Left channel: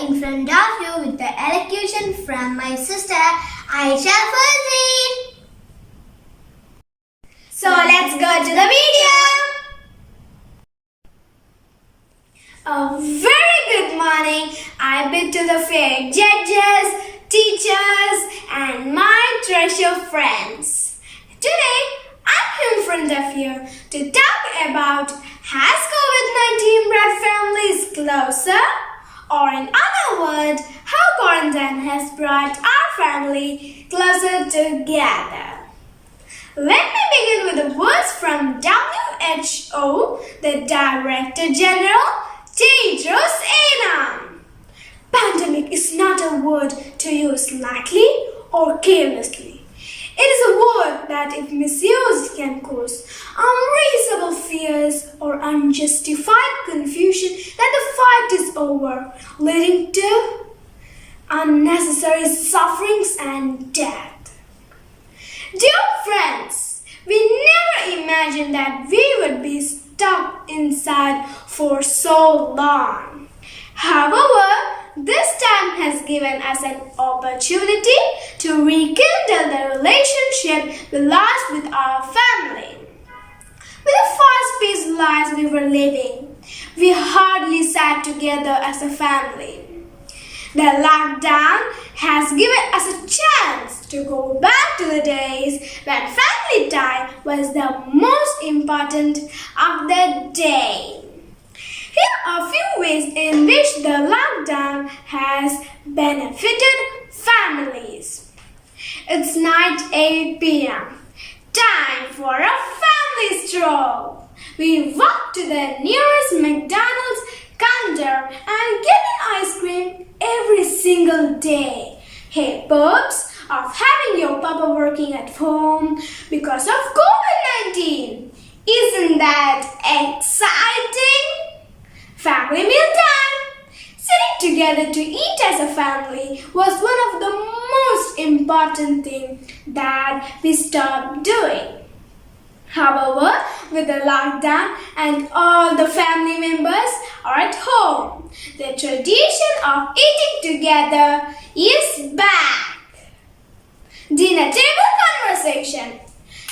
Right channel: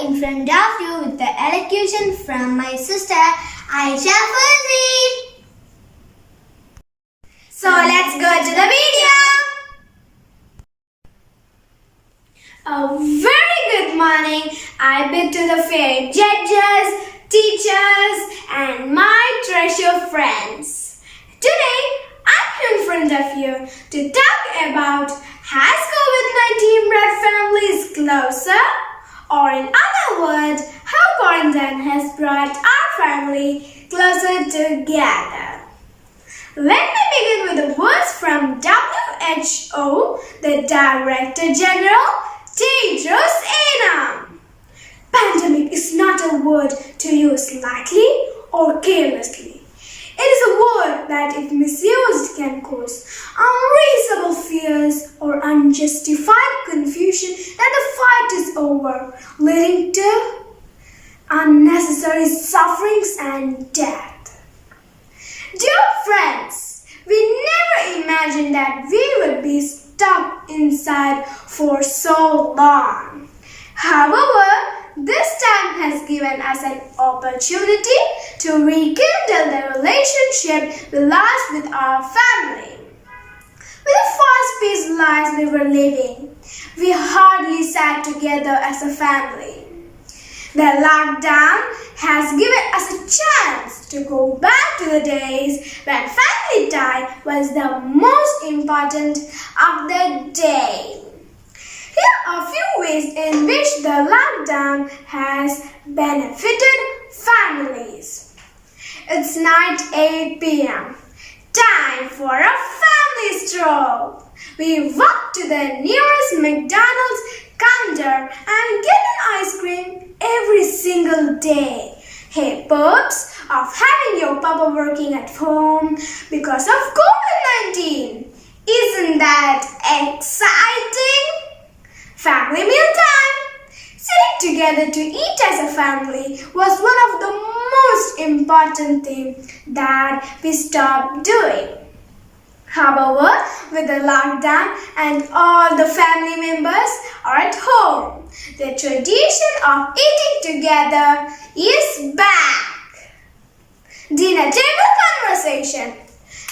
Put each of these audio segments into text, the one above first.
In front of you with the elocution from my sister Aisha Fazil. So let's go to the video. A very good morning I bid to the fair judges, teachers and my treasure friends. Today I'm in front of you to talk about has COVID-19 brought families closer? Or in other words, how quarantine has brought our family closer together. Let me begin with the words from WHO, the Director General, Tedros Adhanom. Pandemic is not a word to use lightly or carelessly. It is a word that, if misused, can cause unreasonable fears or unjustified confusion that the fight is over, leading to unnecessary sufferings and death. Dear friends, we never imagined that we would be stuck inside for so long. However, this time has given us an opportunity to rekindle the relationship we lost with our family. With the fast-paced lives we were living, we hardly sat together as a family. The lockdown has given us a chance to go back to the days when family time was the most important of the day. Here are a few ways in which the lockdown has benefited families. It's 9:08 p.m. Time for a family stroll. We walk to the nearest McDonald's counter and get an ice cream every single day. Hey pups, of having your papa working at home because of COVID-19. Isn't that exciting? Family meal time! Sitting together to eat as a family was one of the most important things that we stopped doing. However, with the lockdown and all the family members are at home, the tradition of eating together is back. Dinner table conversation.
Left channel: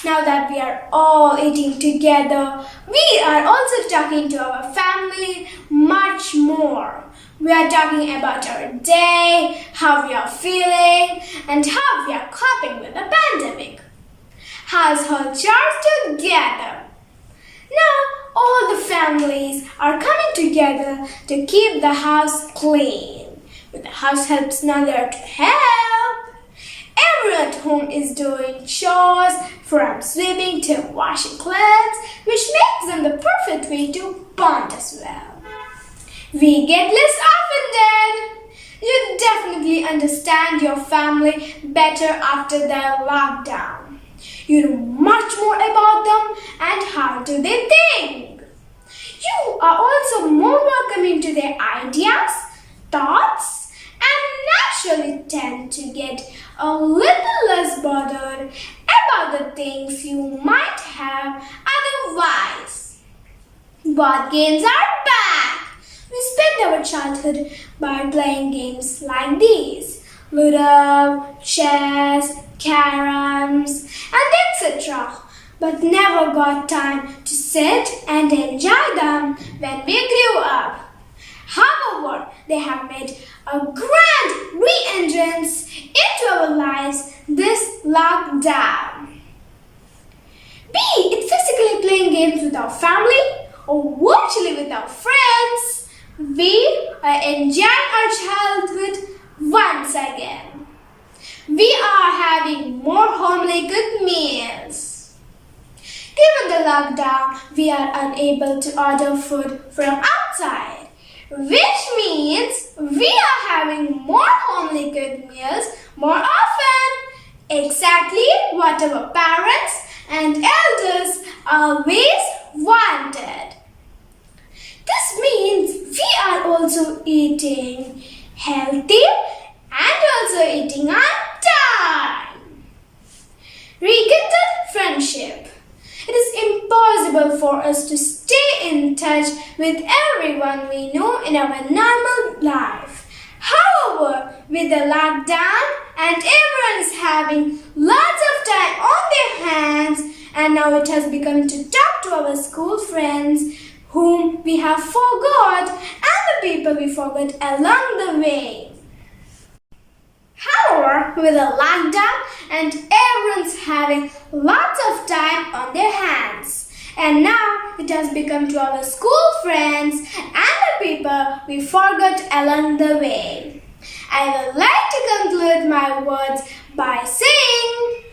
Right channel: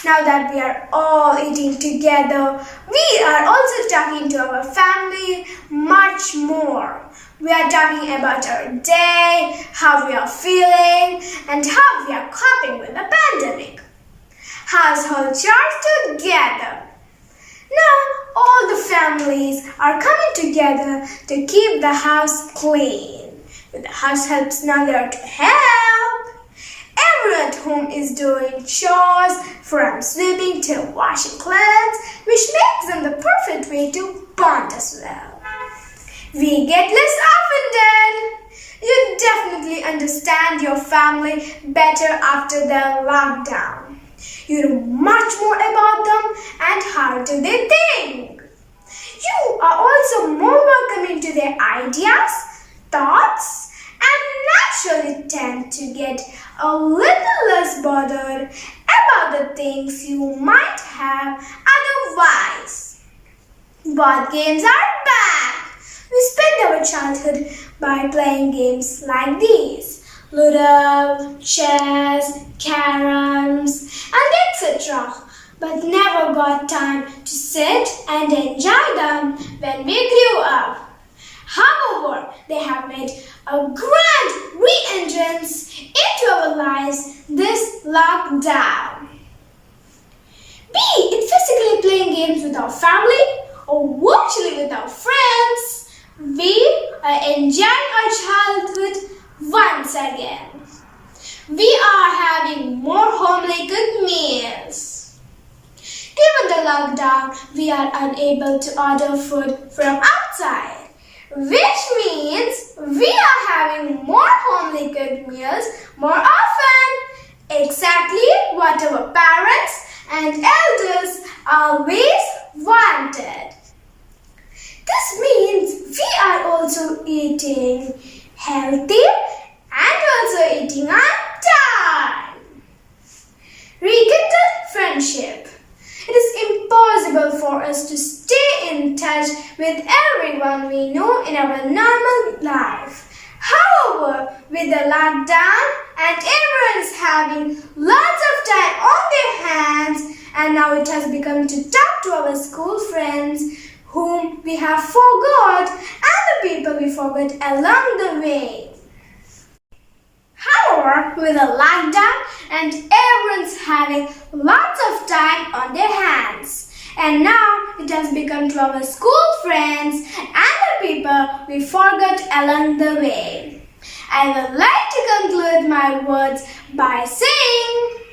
Now that we are all eating together, we are also talking to our family much more. We are talking about our day, how we are feeling, and how we are coping with the pandemic. Household chores together. Now all the families are coming together to keep the house clean. With the house helps now there to help. Everyone at home is doing chores from sweeping to washing clothes, which makes them the perfect way to bond as well. We get less offended. You definitely understand your family better after the lockdown. You know much more about them and how do they think. You are also more welcoming to their ideas, thoughts, and naturally tend to get a little less bothered about the things you might have otherwise. Board games are back. We spend our childhood by playing games like these: Ludo, chess, caroms, and etc. But never got time to sit and enjoy them when we grew up. However, they have made a grand re-entrance into our lives this lockdown. Be it physically playing games with our family or virtually with our friends, we are enjoying our childhood once again. We are having more homely cooked meals. Given the lockdown, we are unable to order food from outside, which means we are having more homely cooked meals more often. Exactly what our parents and elders always wanted. This means we are also eating healthy and also eating on time. Rekindle friendship. It is impossible for us to stay in touch with everyone we know in our normal life. However, with the lockdown and everyone is having lots of time on their hands, and now it has become to talk to our school friends whom we have forgot and the people we forgot along the way. However, with the lockdown and everyone's having lots of time on their hands, and now it has become to our school friends and the people we forgot along the way. I would like to conclude my words by saying,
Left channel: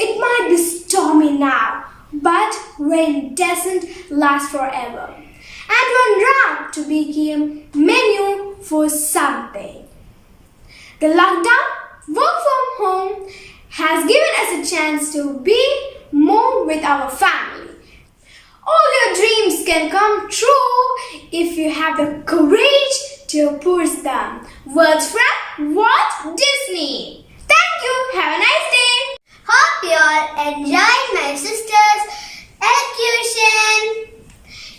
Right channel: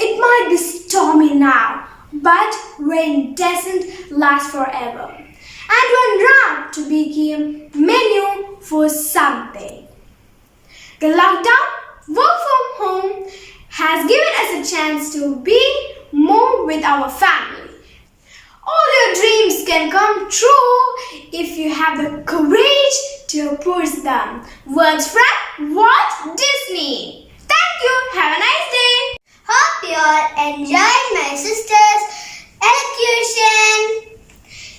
it might be stormy now, but rain doesn't last forever. And one wrong to become menu for something. The lockdown, work from home, has given us a chance to be more with our family. All your dreams can come true if you have the courage to pursue them. Words from Walt Disney. Thank you. Have a nice day. Hope you all enjoyed my sister's elocution.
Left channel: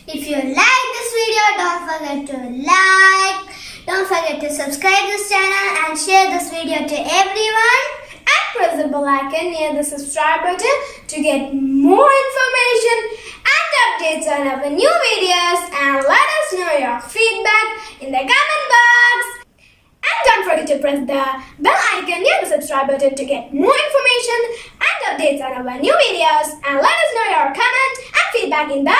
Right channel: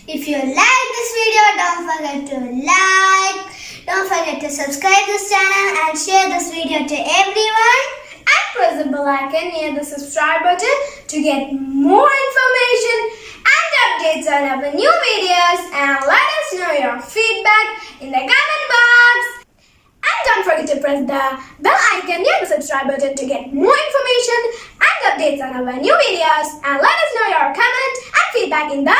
If you like this video, don't forget to like, don't forget to subscribe this channel and share this video to everyone. And press the bell icon near the subscribe button to get more information and updates on our new videos, and let us know your feedback in the comment box. And don't forget to press the bell icon near the subscribe button to get more information and updates on our new videos, and let us know your comment and feedback in the